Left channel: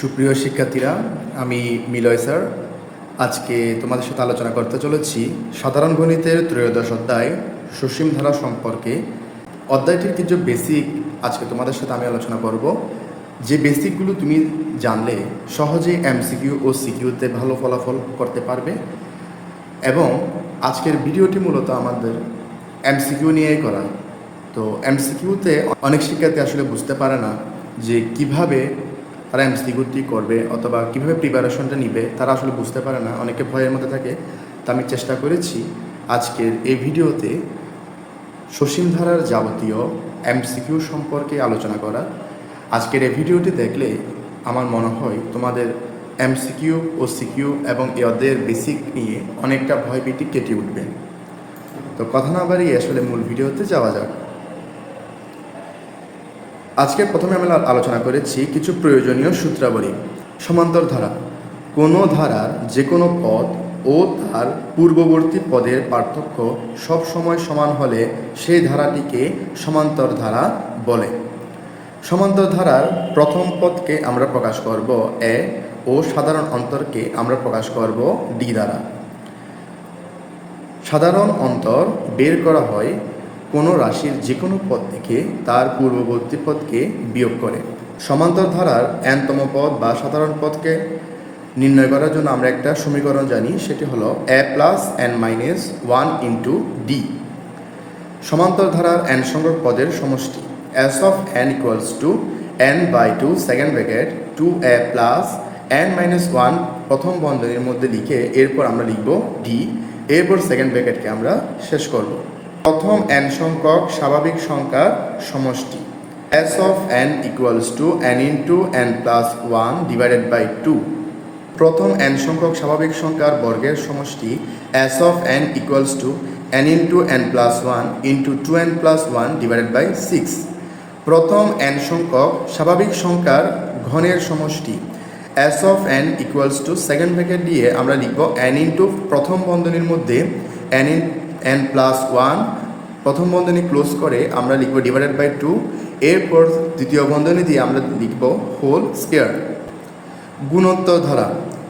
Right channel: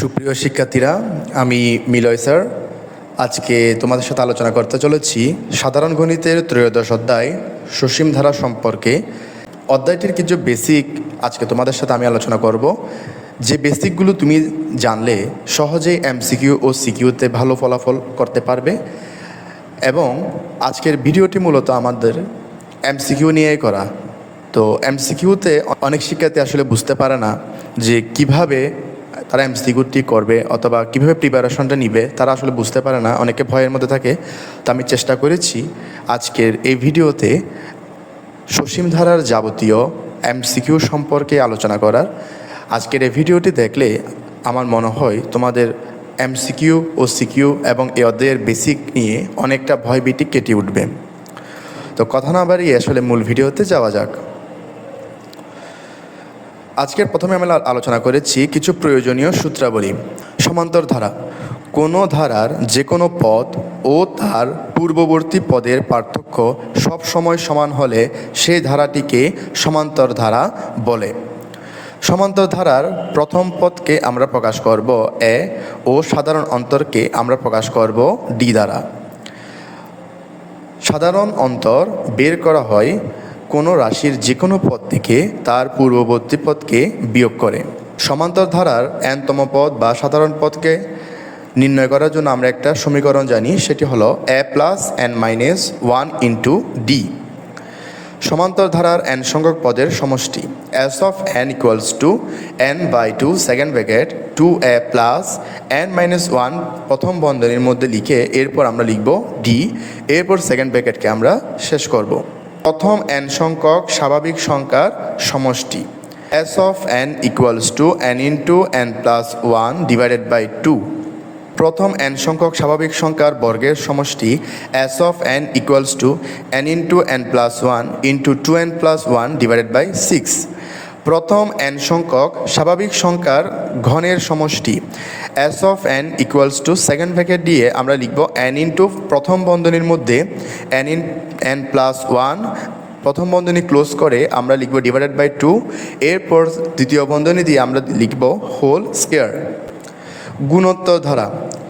সুপ্রিয় শিক্ষার্থীরা, আমি মিলয় স্যার আজকে তোমাদের সাথে আলোচনা করতে চলেছি সাধারণ গণিতের ত্রয়োদশ অধ্যায় সসীম ধারা সম্পর্কে। অধ্যায়টির কিছু বেসিক আজকে তোমাদের সাথে আমি আলোচনা করব। যে বেসিকগুলো তুমি জানলে সহজেই এমসিকিউ ও সিকিউতে ভালো ফলাফল করতে পারবে। এবং আজকের ভিডিওটি মূলত আমাদের এমসিকিউ নিয়েই করা। তো এমসিকিউতে অনেক শিক্ষার্থী আসলে বুঝতে পারে না যে কিভাবে তারা এমসিকিউটি করবে অথবা কীভাবে প্রিপারেশনটা নিবে, তারা আসলে বুঝতে পারে না, অনেকে ভয়ের মধ্যে থাকে। তো আমি চেষ্টা করেছি আজকের এই ভিডিওতে সসীম ধারার যাবতীয় এমসিকিউ সম্পর্কে আলোচনা করার। আজকের এই ভিডিওটি দেখলে আমার মনে হয় তোমাদের এমসিকিউ ও সিকিউ এবং এই অধ্যায়ের বেসিক নিয়ে অনেকটা ভয়ভীতি কেটে উঠবে। তো কথা না বাড়িয়ে আসলে মূল ভিডিওতে যাওয়া যাক। আজকের প্রথমে আমরা আলোচনা করেছি কিছু প্রয়োজনীয় সূত্রাবলী। সমান্তর ধারা: কোনো ধারার যে কোনো পদ ও তার পূর্ববর্তী পদের পার্থক্য সব সময় সমান হলে সেই ধারাটিকে সমান্তর ধারা বলে। সমান্তর ধারার প্রথম পদকে আমরা প্রকাশ করব এ ও সাধারণ অন্তরকে আমরা প্রকাশ করব ডি দ্বারা। সাধারণ অন্তর বের করা হয় কোনো রাশির যে কোনো পদ থেকে তার পূর্ববর্তী পদকে বিয়োগ করে। সমান্তর ধারার এনতম পদ বা সাধারণ পদকে নির্ণয় করার জন্য আমরা একটা সমীকরণ জানি, সেটি হলো a plus n minus 1 into d. সমান্তর ধারার n সংখ্যক পদের সমষ্টি s of n equals to n by 2 second bracket 2a plus n minus 1 প্রথম বন্ধনীর মধ্যে লিখে এরপর আমরা লিখব ডি, এরপর সেকেন্ড ব্র্যাকেটকে আমরা শেষ করব। প্রথম n সংখ্যক স্বাভাবিক সংখ্যার সমষ্টি s of n equals to n into n plus 1 divided by 2। প্রথম n সংখ্যক স্বাভাবিক সংখ্যার বর্গের সমষ্টি s of n equals to n into n plus 1 into 2n plus 1 divided by 6। প্রথম n সংখ্যক স্বাভাবিক সংখ্যার ঘনের সমষ্টি s of n equals to second bracket দিয়ে আমরা লিখব n ইন্টু প্রথম বন্ধনীর মধ্যে n প্লাস 1 প্রথম বন্ধনী ক্লোজ করে আমরা লিখব ডিভাইডেড বাই 2, এরপর দ্বিতীয় বন্ধনী দিয়ে আমরা লিখব হোল স্কয়ার। গুণোত্তর ধারা:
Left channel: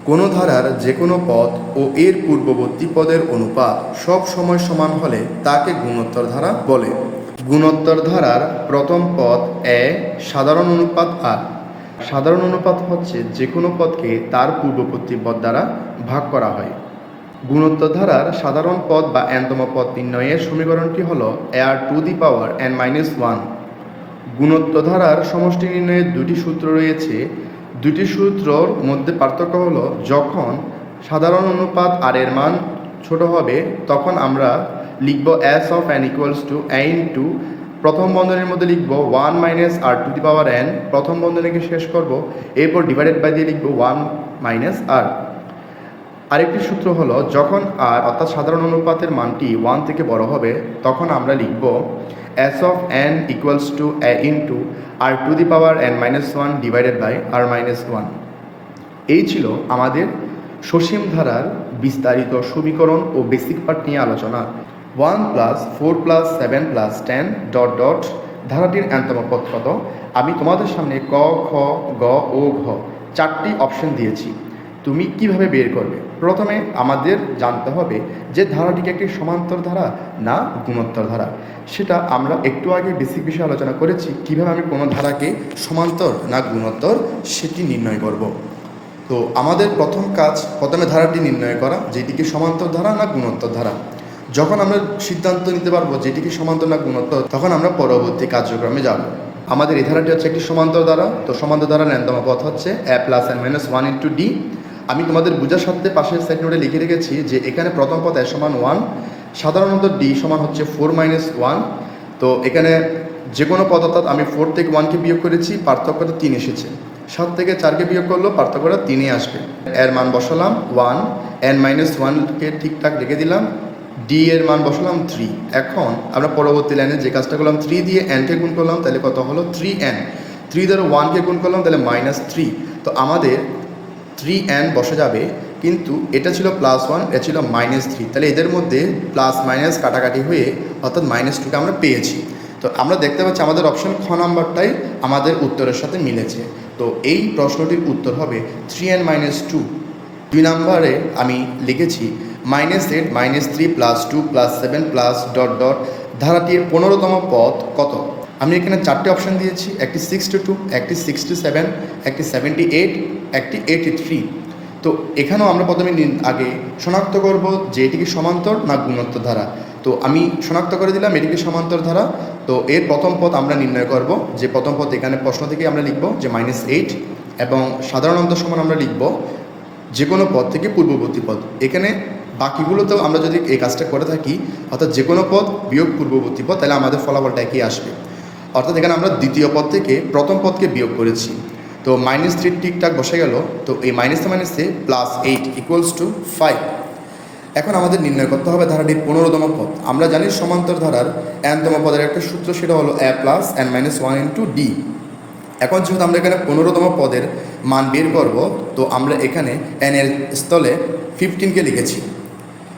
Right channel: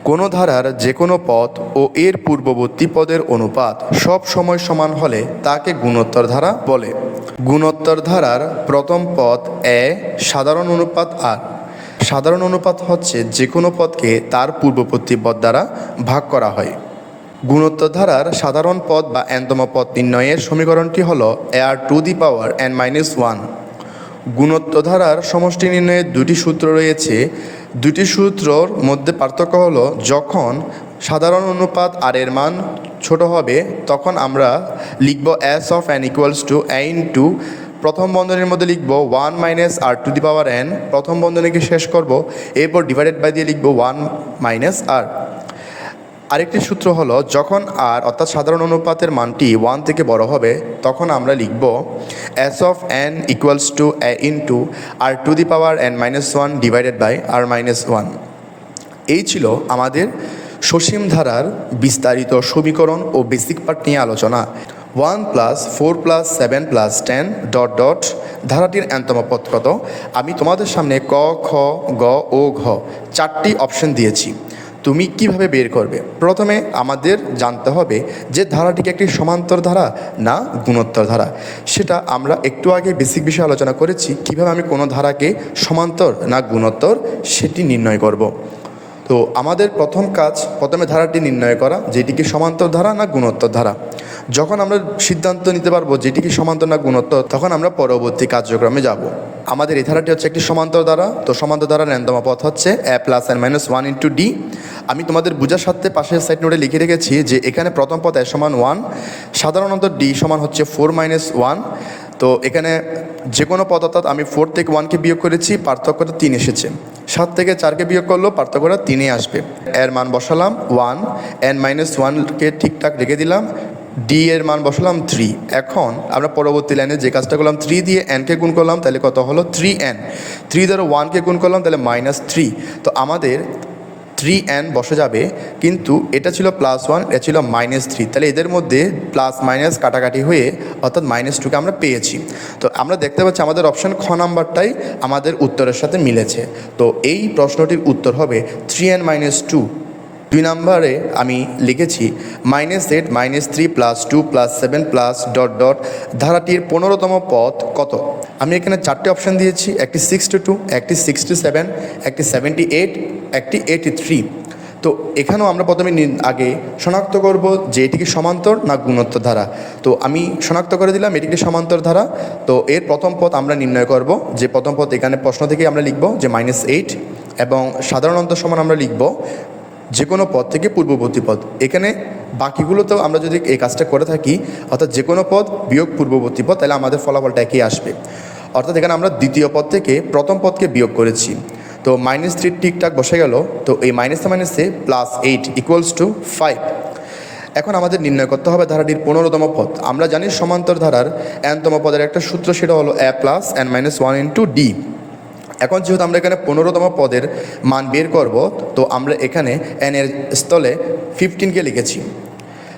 কোনো ধারার যে কোনো পদ ও এর পূর্ববর্তী পদের অনুপাত সব সময় সমান হলে তাকে গুণোত্তর ধারা বলে। গুণোত্তর ধারার প্রথম পদ এ সাধারণ অনুপাত আর। সাধারণ অনুপাত হচ্ছে যে কোনো পদকে তার পূর্ববর্তী পদ দ্বারা ভাগ করা হয়। গুণোত্তর ধারার সাধারণ পদ বা এনতম পদ নির্ণয়ের সমীকরণটি হল r to the power n minus 1। গুণোত্তর ধারার সমষ্টি নির্ণয়ের দুটি সূত্র রয়েছে। দুটি সূত্রর মধ্যে পার্থক্য হলো যখন সাধারণ অনুপাত আর এর মান ছোট হবে তখন আমরা লিখব s of n equals to a into প্রথম বন্ধনীর মধ্যে লিখব 1 minus r to the power n, প্রথম বন্ধনীকে শেষ করব, এরপর ডিভাইডেড বাই দিয়ে লিখব 1 মাইনাস আর। আরেকটি সূত্র হলো যখন আর অর্থাৎ সাধারণ অনুপাতের মানটি 1 থেকে বড় হবে তখন আমরা লিখব s of n equals to a into r to the power n minus 1 divided by r minus 1। এই ছিল আমাদের সসীম ধারার বিস্তারিত সমীকরণ ও বেসিক পার্ট নিয়ে আলোচনা। 1 plus 4 plus 7 plus 10 dot dot ধারাটির এনতম পদ কত? আমি তোমাদের সামনে ক, খ, গ ও ঘ চারটি অপশন দিয়েছি। তুমি কিভাবে বের করবে? প্রথমে আমাদের জানতে হবে যে ধারাটিকে একটি সমান্তর ধারা না গুণোত্তর ধারা। সেটা আমরা একটু আগে বেসিক বিষয়ে আলোচনা করেছি, কিভাবে আমি কোনো ধারাকে সমান্তর না গুণোত্তর সেটি নির্ণয় করব। তো আমাদের প্রথম কাজ প্রথমে ধারাটি নির্ণয় করা, যেটিকে সমান্তর ধারা না গুণোত্তর ধারা। যখন আমরা সিদ্ধান্ত নিতে পারবো যেটিকে সমান্তর না গুণোত্তর, তখন আমরা পরবর্তী কার্যক্রমে যাব। আমাদের এই ধারাটি হচ্ছে একটি সমান্তর ধারা। তো সমান্তর ধারার এনতম পদ হচ্ছে a plus n minus 1 into D. আমি তোমাদের বোঝার সাথে পাশের সাইড নোটে লিখে রেখেছি যে এখানে প্রথম পদ a সমান 1, সাধারণত ডি সমান হচ্ছে 4 মাইনাস 1। তো এখানে যে কোনো পদ অর্থাৎ আমি 4 থেকে 1কে বিয়োগ করেছি, পার্থক্যটা 3 এসেছে। 7 থেকে 4কে বিয়োগ করলেও পার্থক্যটা 3 আসবে। এর মান বসালাম 1, n মাইনাস 1কে ঠিকঠাক রেখে দিলাম, ডি এর মান বসালাম 3। এখন আমরা পরবর্তী লাইনে যে কাজটা করলাম 3 দিয়ে nকে গুণ করলাম, তাহলে কত হলো 3n। 3 দ্বারা 1কে গুণ করলাম তাহলে মাইনাস 3। তো আমাদের 3n বসে যাবে কিন্তু এটা ছিল +1, এটা ছিল -3, তাহলে এদের মধ্যে প্লাস মাইনাস কাটাকাটি হয়ে অর্থাৎ -2কে আমরা পেয়েছি। তো আমরা দেখতে পাচ্ছি আমাদের অপশান খ নাম্বারটাই আমাদের উত্তরের সাথে মিলেছে। তো এই প্রশ্নটির উত্তর হবে 3n - 2। 2 নম্বরে আমি লিখেছি -8 -3 +2 +7 ধারাটির 15তম পদ কত। আমি এখানে 4টে অপশান দিয়েছি, একটি 62, একটি 67, একটি 78, একটি 83। তো এখানেও আমরা প্রথমে আগে শনাক্ত করব যে এটি কি সমান্তর না গুণোত্তর ধারা। তো আমি শনাক্ত করে দিলাম এটি কি সমান্তর ধারা। তো এর প্রথম পদ আমরা নির্ণয় করব, যে প্রথম পদ এখানে প্রশ্ন থেকে আমরা লিখব যে -8, এবং সাধারণ অন্তর সমান আমরা লিখব যে কোনো পদ থেকে পূর্ববর্তী পদ। এখানে বাকিগুলোতেও আমরা যদি এই কাজটা করে থাকি, অর্থাৎ যে কোনো পদ বিয়োগ পূর্ববর্তী পদ, তাহলে আমাদের ফলাফলটা একই আসবে। অর্থাৎ এখানে আমরা দ্বিতীয় পদ থেকে প্রথম পদকে বিয়োগ করেছি। তো -3 ঠিকঠাক বসে গেল। তো এই মাইনাসে +8 = 5। এখন আমাদের নির্ণয় করতে হবে ধারাটির 15তম পদ। আমরা জানি সমান্তর ধারার nতম পদের একটা সূত্র, সেটা হলো a + n - 1 × d। এখন যেহেতু আমরা এখানে 15তম পদের মান বের করব, তো আমরা এখানে n এর স্থলে 15কে লিখেছি।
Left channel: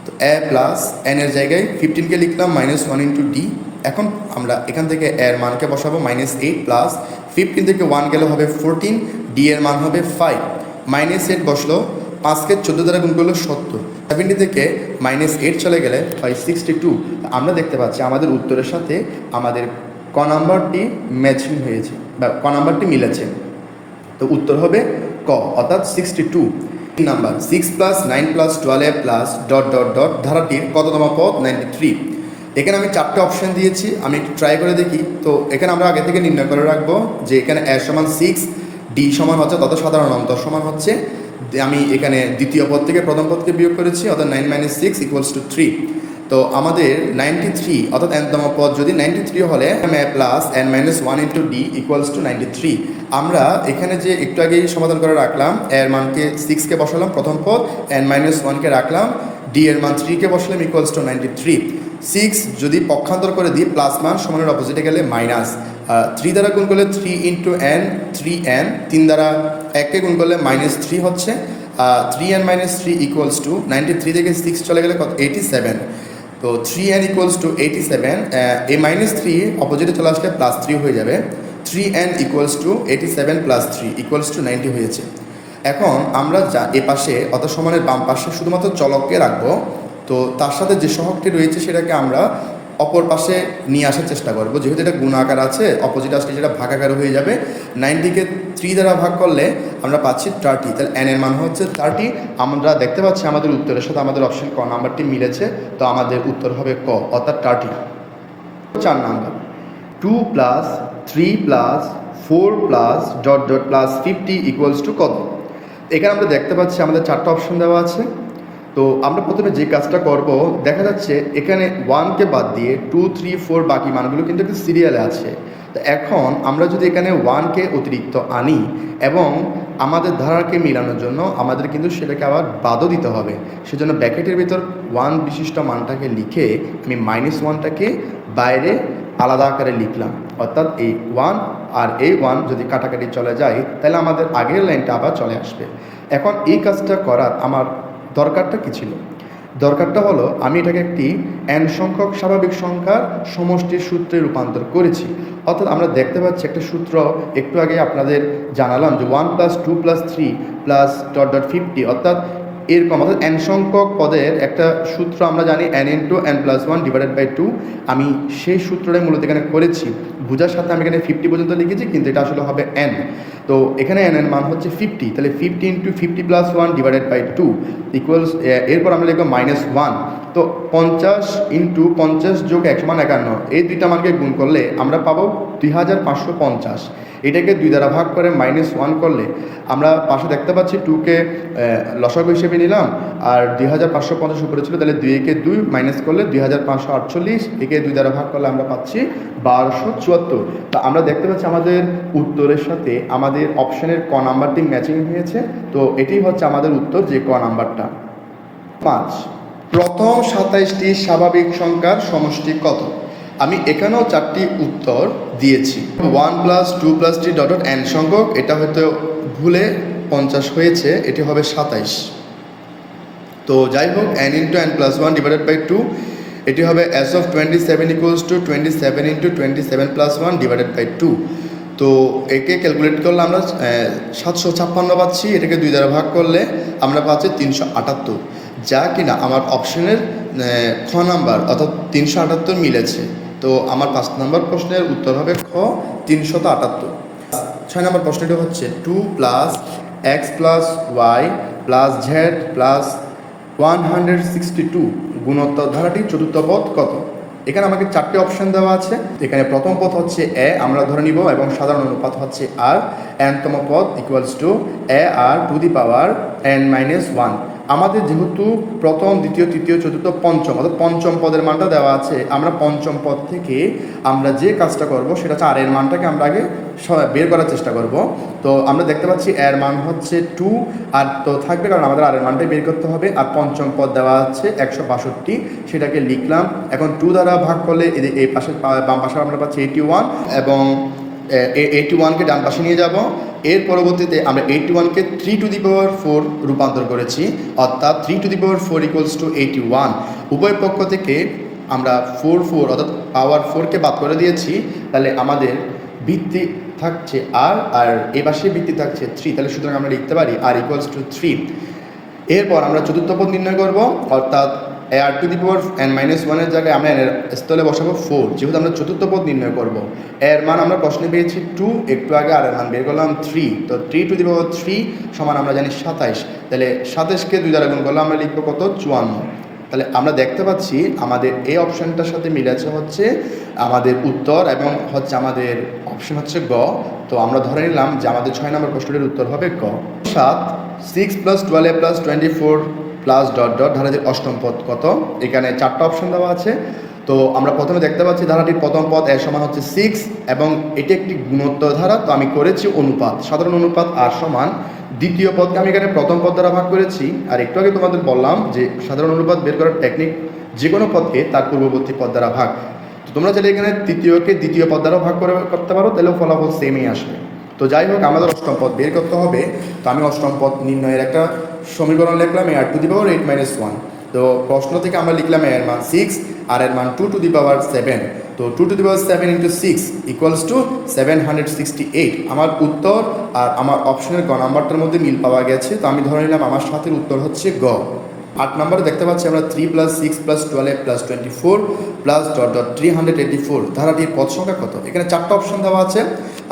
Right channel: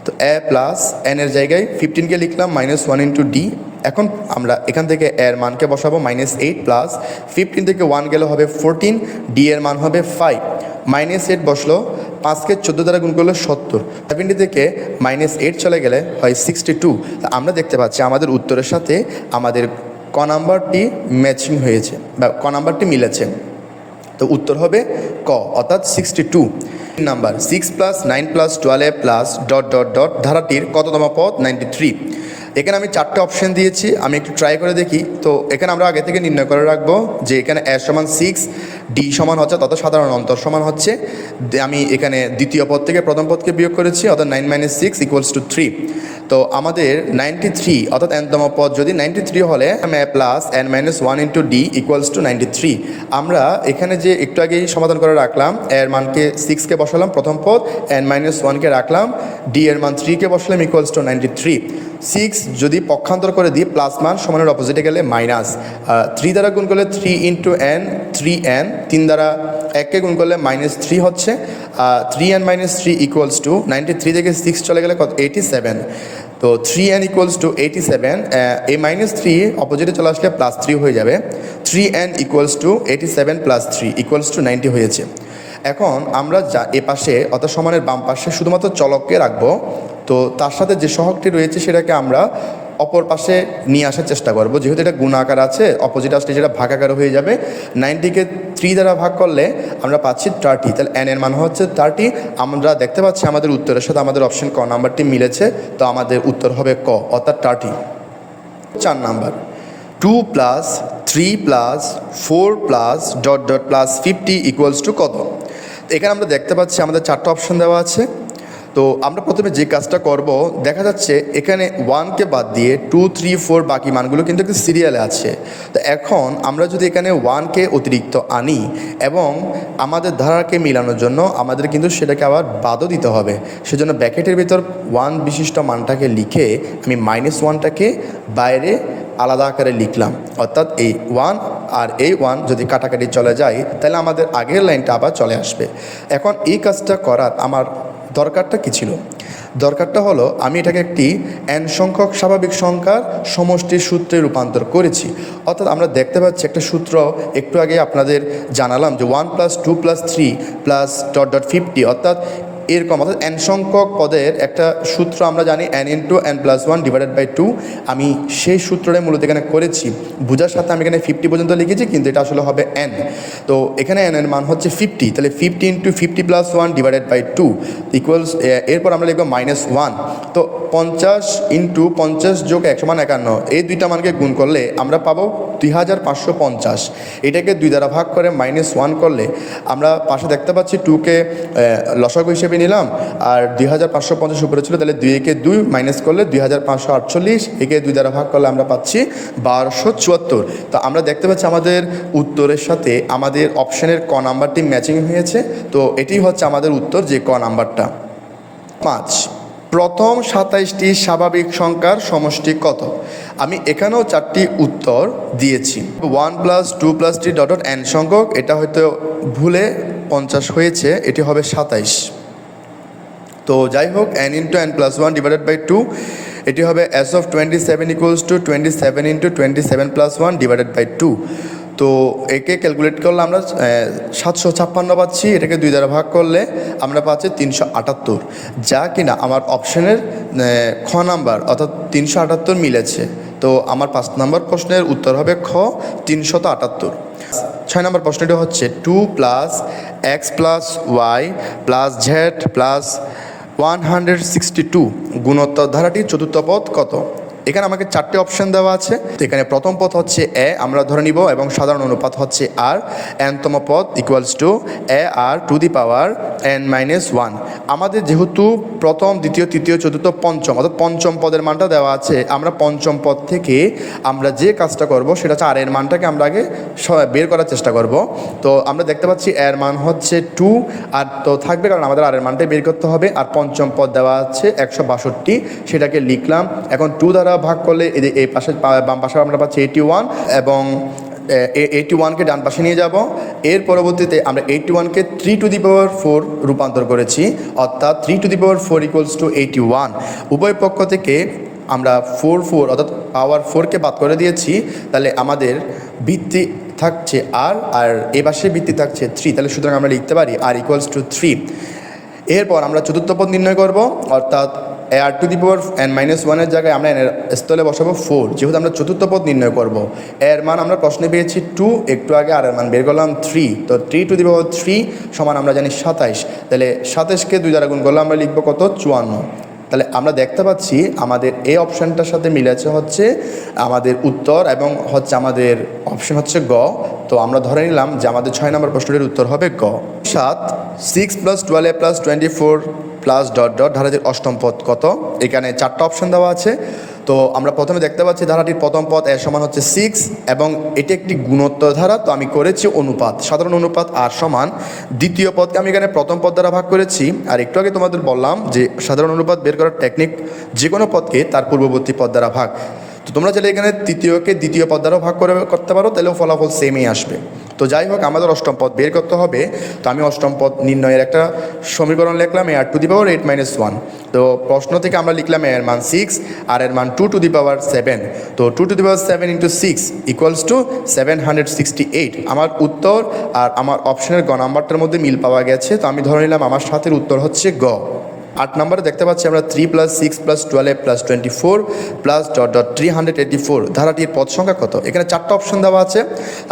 তো a + n এর জায়গায় 15কে লিখলাম -1 × d। এখন আমরা এখান থেকে এর মানকে বসাবো -8 + 15 থেকে 1 গেলে হবে 14, d এর মান হবে 5। -8 বসলো, 5কে 14 দ্বারা গুণ করলে 70, 70 থেকে -8 চলে গেলে হয় 62। তা আমরা দেখতে পাচ্ছি আমাদের উত্তরের সাথে আমাদের ক নাম্বারটি ম্যাচিং হয়েছে বা ক নাম্বারটি মিলেছে। তো উত্তর হবে ক, অর্থাৎ 62 নাম্বার। 6 + 9 + 12 ধারাটির কততম পদ? 93। এখানে আমি 4টে অপশান দিয়েছি, আমি একটু ট্রাই করে দেখি। তো এখানে আমরা আগে থেকে নির্ণয় করে রাখবো যে এখানে a = 6, d সমান হচ্ছে তত সাধারণ অন্তর সমান হচ্ছে, আমি এখানে দ্বিতীয় পদ থেকে প্রথম পদকে বিয়োগ করেছি, অর্থাৎ 9 - 6 = 3। তো আমাদের 93 অর্থাৎ nতম পদ যদি 93 হলে a + n - 1 × d = 93। আমরা এখানে যে একটু আগেই সমাধান করে রাখলাম, এর মানকে 6কে বসালাম প্রথম পদ, n - 1কে রাখলাম, d এর মান 3কে বসালাম = 93। 6 যদি পক্ষান্তর করে দিই, প্লাস মান সমানের অপোজিটে গেলে মাইনাস। 3 দ্বারা গুণ করলে 3 × n, 3n। 3 দ্বারা 1কে গুণ করলে -3 হচ্ছে। 3n - 3 = 93 থেকে 6 চলে গেলে কত? 87। তো 3n = 87। এই -3 অপোজিটে চলে আসলে +3 হয়ে যাবে। 3n = 87 + 3 = 90 হয়েছে। এখন আমরা যা এ পাশে অর্থাৎ সমানের বাম পাশে শুধুমাত্র চলককে রাখবো। তো তার সাথে যে সহগটি রয়েছে সেটাকে আমরা অপর পাশে নিয়ে আসার চেষ্টা করব। যেহেতু এটা গুণ আকার আছে, অপোজিট আসলে যেটা ভাগ আকারে হয়ে যাবে। 90কে 3 দ্বারা ভাগ করলে আমরা পাচ্ছি 30, তাহলে n এর মান হচ্ছে 30। আমরা দেখতে পাচ্ছি আমাদের উত্তরের সাথে আমাদের অপশন ক নাম্বারটি মিলেছে। তো আমাদের উত্তর হবে ক, অর্থাৎ 30। 4 নাম্বার 2 + 3 + 4 + ... 50 = কত। এখানে আমরা দেখতে পাচ্ছি আমাদের 4টা অপশন দেওয়া আছে। তো আমরা প্রথমে যে কাজটা করব, দেখা যাচ্ছে এখানে 1কে বাদ দিয়ে 2, 3, 4 বাকি মানগুলো কিন্তু একটু সিরিয়ালে আছে। তো এখন আমরা যদি এখানে 1কে অতিরিক্ত আনি এবং আমাদের ধারাকে মিলানোর জন্য আমাদের কিন্তু সেটাকে আবার বাদও দিতে হবে। সেজন্য ব্র্যাকেটের ভিতর 1 বিশিষ্ট মানটাকে লিখে আমি -1টাকে বাইরে আলাদা আকারে লিখলাম। অর্থাৎ এই 1 আর এই 1 যদি কাটাকাটি চলে যায়, তাহলে আমাদের আগের লাইনটা আবার চলে আসবে। এখন এই কাজটা করার আমার দরকারটা কী ছিল? দরকারটা হলো আমি এটাকে একটি n সংখ্যক স্বাভাবিক সংখ্যার সমষ্টির সূত্রে রূপান্তর করেছি। অর্থাৎ আমরা দেখতে পাচ্ছি একটা সূত্র একটু আগে আপনাদের জানালাম যে 1 + 2 + 3 + ... 50, অর্থাৎ এরকম, অর্থাৎ n সংখ্যক পদের একটা সূত্র আমরা জানি n × n+1/2। আমি সেই সূত্রটাই মূলত এখানে করেছি। বোঝার সাথে আমি এখানে 50 পর্যন্ত লিখেছি, কিন্তু এটা আসলে হবে n। তো এখানে n এর মান হচ্ছে 50, তাহলে 50 × 50 + 1/2 এরপর আমরা লিখব -1। তো 50 × 50 + 1 = 51। এই দুইটা মানকে গুণ করলে আমরা পাবো 2550। এটাকে 2 দ্বারা ভাগ করে -1 করলে আমরা পাশে দেখতে পাচ্ছি 2কে লসাগু হিসেবে নিলাম, আর 2550 উপরে ছিল, তাহলে 2-কে 2 মাইনাস করলে 2548, একে 2 দ্বারা ভাগ করলে আমরা পাচ্ছি 1274। তো আমরা দেখতে পাচ্ছি আমাদের উত্তরের সাথে আমাদের অপশানের ক নাম্বারটি ম্যাচিং হয়েছে। তো এটি হচ্ছে আমাদের উত্তর, যে ক নাম্বারটা। 5, প্রথম 27টি স্বাভাবিক সংখ্যার সমষ্টি কত। আমি এখানেও 4টি উত্তর দিয়েছি। 1 + 2 + 3 n সংখ্যক, এটা হয়তো ভুলে 50 হয়েছে, এটি হবে 27। তো যাই হোক n into n plus 1 divided by 2, এটি হবে s of 27 equals to 27 into 27 plus 1 divided by 2। তো একে ক্যালকুলেট করলে আমরা 756 পাচ্ছি, এটাকে 2 দ্বারা ভাগ করলে আমরা পাচ্ছি 378, যা কিনা আমার অপশনের খ নাম্বার অর্থাৎ 378 মিলেছে। তো আমার 5 নম্বর প্রশ্নের উত্তর হবে খ 378। 6 নম্বর প্রশ্নটি হচ্ছে 2 plus x plus y plus z plus 162 গুণোত্তর ধারাটির চতুর্থ পদ কত? এখানে আমাকে 4টি অপশন দেওয়া আছে। তো এখানে প্রথম পদ হচ্ছে এ আমরা ধরে নিব এবং সাধারণ অনুপাত হচ্ছে আর, এনতম পদ equals to a r to the power n-1। আমাদের যেহেতু প্রথম দ্বিতীয় তৃতীয় চতুর্থ পঞ্চম অর্থাৎ পঞ্চম পদের মানটা দেওয়া আছে, আমরা পঞ্চম পদ থেকে আমরা যে কাজটা করব সেটা হচ্ছে আর এর মানটাকে আমরা আগে বের করার চেষ্টা করব। তো আমরা দেখতে পাচ্ছি এর মান হচ্ছে 2 আর তো থাকবে, কারণ আমাদের আর এর মানটাই বের করতে হবে। আর পঞ্চম পদ দেওয়া আছে 162, সেটাকে লিখলাম। এখন 2 দ্বারা ভাগ করলে এই পাশে বাম পাশে আমরা পাচ্ছি 81 এবং 81কে ডান পাশে নিয়ে যাব। এর পরবর্তীতে আমরা 81কে 3 টু দি পাওয়ার 4 রূপান্তর করেছি, অর্থাৎ 3 two the power 4 equals to 81। উভয় পক্ষ থেকে আমরা 4 অর্থাৎ পাওয়ার 4কে বাদ করে দিয়েছি, তাহলে আমাদের ভিত্তি থাকছে আর এ পাশে ভিত্তি থাকছে 3, তাহলে সুতরাং আমরা লিখতে পারি আর ইকুয়ালস টু 3। এরপর আমরা চতুর্থ পদ নির্ণয় করব, অর্থাৎ আর টু দি পাওয়ার n-1 এর জায়গায় আমরা এর স্থলে বসাবো 4, যেহেতু আমরা চতুর্থ পদ নির্ণয় করব। এর মান আমরা প্রশ্নে পেয়েছি 2, একটু আগে আর এর মান বের করলাম 3। তো 3 টু দি পাওয়ার 3 সমান আমরা জানি 27, তাহলে 27কে 2 দ্বারা গুণ করলে আমরা লিখবো কত 54। তাহলে আমরা দেখতে পাচ্ছি আমাদের এই অপশানটার সাথে মিলেছে হচ্ছে আমাদের উত্তর এবং হচ্ছে আমাদের অপশন হচ্ছে গ। তো আমরা ধরে নিলাম যে আমাদের 6 নম্বর প্রশ্নটির উত্তর হবে গ। 7 6 plus 12 plus 24 plus dot dot ধারাটির অষ্টম পদ কত? এখানে 4টা অপশন দেওয়া আছে। তো আমরা প্রথমে দেখতে পাচ্ছি ধারাটির প্রথম পদ এর সমান হচ্ছে 6 এবং এটি একটি গুণোত্তর ধারা। তো আমি করেছি অনুপাত, সাধারণ অনুপাত আর সমান দ্বিতীয় পদকে আমি এখানে প্রথম পদ দ্বারা ভাগ করেছি। আর একটু আগে তোমাদের বললাম যে সাধারণ অনুপাত বের করার টেকনিক যে কোনো পদকে তার পূর্ববর্তী পদ দ্বারা ভাগ। তো তোমরা চাইলে এখানে তৃতীয়কে দ্বিতীয় পদ দ্বারা ভাগ করতে পারো, তাহলেও ফলাফল সেমই আসবে। তো যাই হোক আমাদের অষ্টম পদ বের করতে হবে। তো আমি অষ্টম পদ নির্ণয়ের একটা সমীকরণ লিখলাম আর টু দি পাওয়ার 8-1। তো প্রশ্ন থেকে আমরা লিখলাম এর মান 6 আর এর মান 2 টু দি পাওয়ার 7। তো 2 two the power 7 into 6 equals to 768। আমার উত্তর আর আমার অপশনের গ নাম্বারটার মধ্যে মিল পাওয়া গেছে। তো আমি ধরে নিলাম আমার সাথের উত্তর হচ্ছে গ। 8 নম্বরে দেখতে পাচ্ছি আমরা 3 plus 6 plus 12 plus 24 plus dot dot 384 ধারাটির পদ সংখ্যা কত? এখানে 4টা অপশন দেওয়া আছে।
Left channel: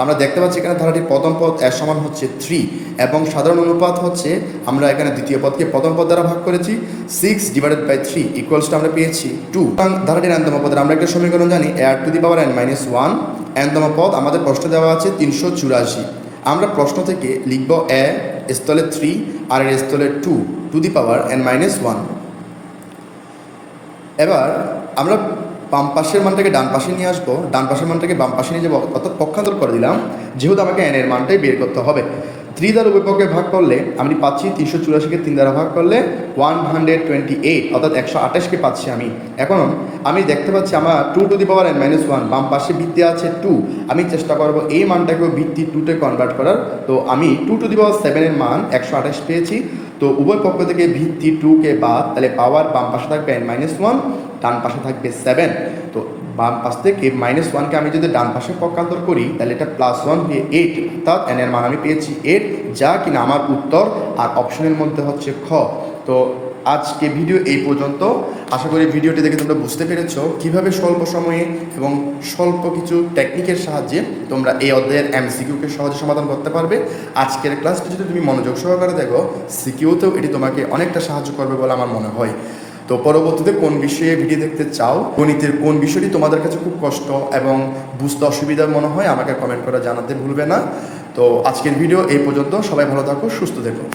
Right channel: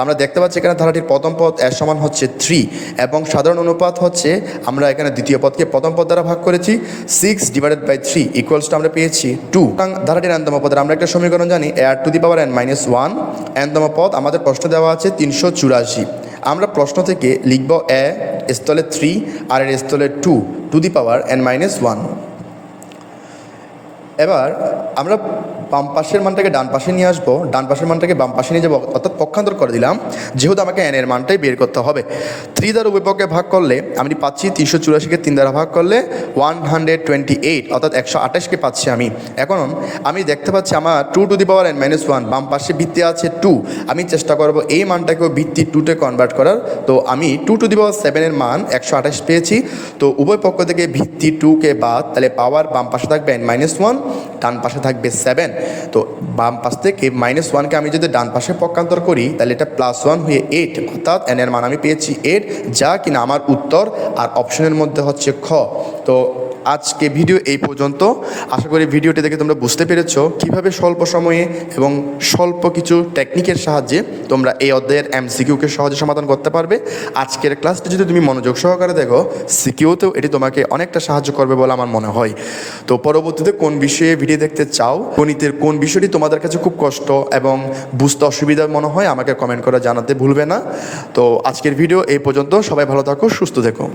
আমরা দেখতে পাচ্ছি এখানে ধারাটির প্রথম পদ এর সমান হচ্ছে 3 এবং সাধারণ অনুপাত হচ্ছে আমরা এখানে দ্বিতীয় পদকে প্রথম পদ দ্বারা ভাগ করেছি 6 ডিভাইডেড বাই 3 ইকুয়ালস টু আমরা পেয়েছি 2। ধারাটির এনতম পদের আমরা একটা সমীকরণ জানি আর টু দি পাওয়ার n-1। এনতম পদ আমাদের প্রশ্ন দেওয়া আছে 384। আমরা প্রশ্ন থেকে লিখব এ স্থলে 3 আর এর স্থলে 2 টু দি পাওয়ার n-1। এবার আমরা বাম পাশের মানটাকে ডান পাশে নিয়ে আসবো, ডান পাশের মানটাকে বাম পাশে নিয়ে যাবো, অর্থাৎ পক্ষান্তর করে দিলাম, যেহেতু আমাকে n এর মানটাই বের করতে হবে। 3 দ্বারা উভয়পক্ষে ভাগ করলে আমি পাচ্ছি 384কে 3 দ্বারা ভাগ করলে 128 অর্থাৎ 128কে পাচ্ছি আমি। এখন আমি দেখতে পাচ্ছি আমার 2 টু দি পাওয়ার n-1 বাম পাশে ভিত্তি আছে 2। আমি চেষ্টা করবো এই মানটাকেও ভিত্তি 2তে কনভার্ট করার। তো আমি 2 টু দি পাওয়ার 7 এর মান 128 পেয়েছি। তো উভয় পক্ষ থেকে ভিত্তি 2কে বাদ, তাহলে পাওয়ার বাম পাশে থাকবে n-1, ডান পাশে থাকবে 7। তো বাম পাশ থেকে -1কে আমি যদি ডান পাশে পক্ষান্তর করি তাহলে এটা +1 হয়ে 8, অর্থাৎ n এর মান আমি পেয়েছি 8, যা কিনা আমার উত্তর আর অপশনের মধ্যে হচ্ছে খ। তো আজকে ভিডিও এই পর্যন্ত। আশা করি ভিডিওটি দেখে তোমরা বুঝতে পেরেছো কীভাবে স্বল্প সময়ে এবং স্বল্প কিছু টেকনিকের সাহায্যে তোমরা এই অধ্যায়ের MCQকে সহজে সমাধান করতে পারবে। আজকের ক্লাসটি যদি তুমি মনোযোগ সহকারে দেখো, সিকিউতেও এটি তোমাকে অনেকটা সাহায্য করবে বলে আমার মনে হয়। তো পরবর্তীতে কোন বিষয়ে ভিডিও দেখতে চাও, গণিতের কোন বিষয়টি তোমাদের কাছে খুব কষ্ট এবং বুঝতে অসুবিধা মনে হয়, আমাকে কমেন্ট করে জানাতে ভুলবে না। তো আজকের ভিডিও এই পর্যন্ত। সবাই ভালো থাকো, সুস্থ থেকো।